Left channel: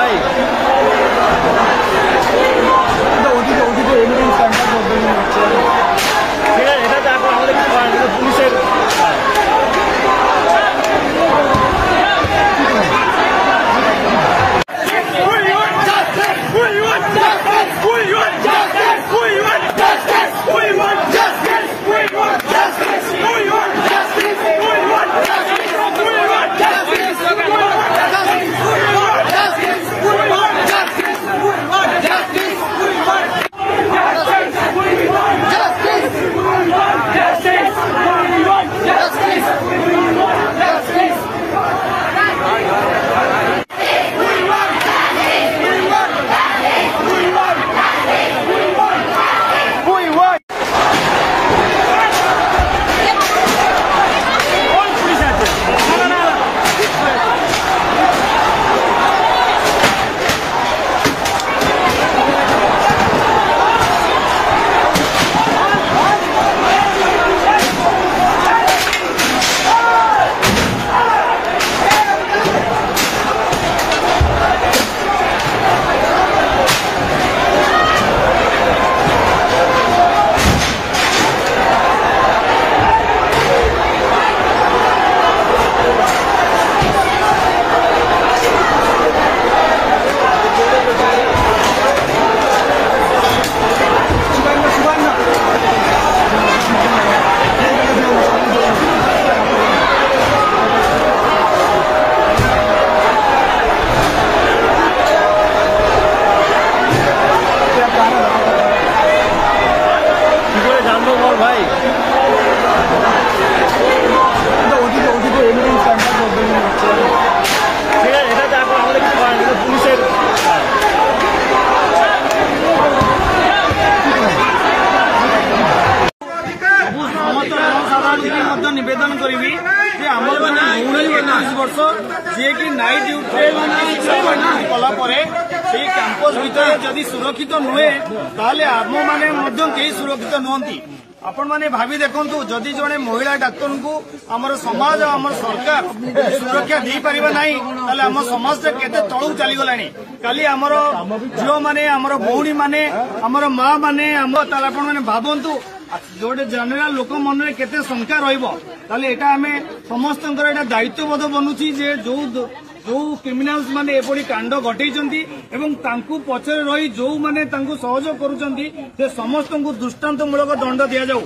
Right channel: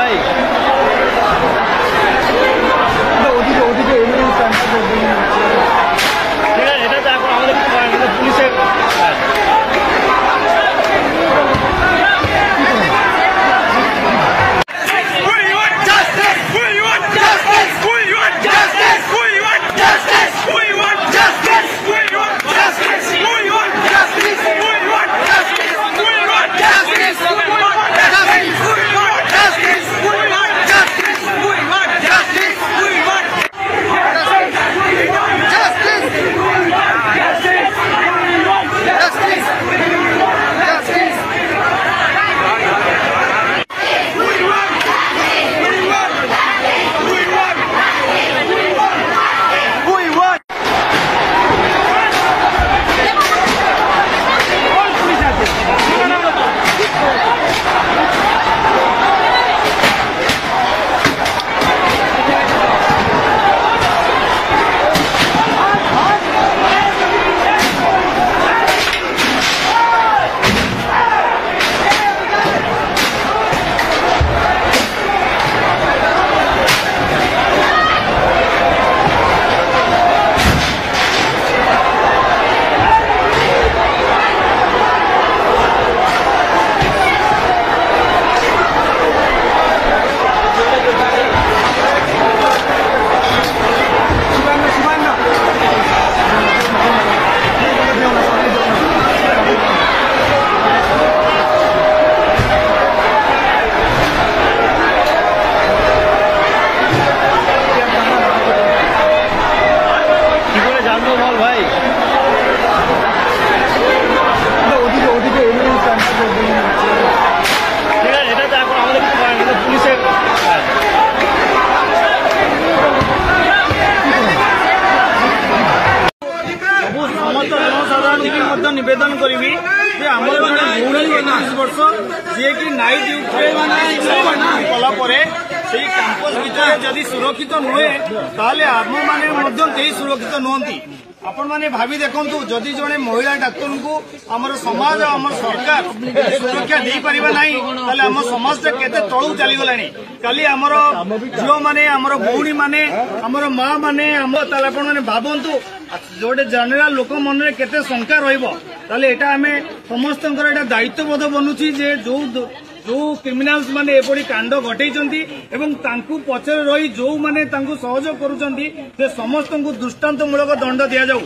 ভাই ওদিকে এভিডেন্স ঠিক আছে, এটা যা করে আমাদের কিছু করেন, পুলিশের ভাই ওদিকে এভিডেন্স ঠিক আছে, এটা যা করে আমাদের কিছু করেন, পুলিশের সমস্ত জনসাধারণ নিবেদন করবি যে আমার মানে 21 বর্ষ যিকি নাইট ডিউটি কলাপরে সেই ক্যাম্পস ভিতরে যদি সুরক্ষিত নুহে তাহলে আম মানে কেହି সুরক্ষিত নুহতি। आपण मैंने भावी देखु जदि जड़े महिला डाक्तर को आमर समाज आम सरकार सुरक्षा दे पारिबा नहीं ताले आम समाज केते तळू चलीगला काली आमर झील माने आमर भौणी माने आमर माँ माने ताले आपण मैंने भावंतु जोटे जनरल लोक मन में केते शंका रहिबो ताले एटा आमे समस्तंकर एटा दायित्वबोध बनुछि जे जो क्रिमिनाल्स माने एपड़ी कांड घटैचंती एवं तांकु पछरे रही जो माने तांकु सहयोग करूचंती से समस्त को दृष्टांतमूलक दंड दिया जाऊ।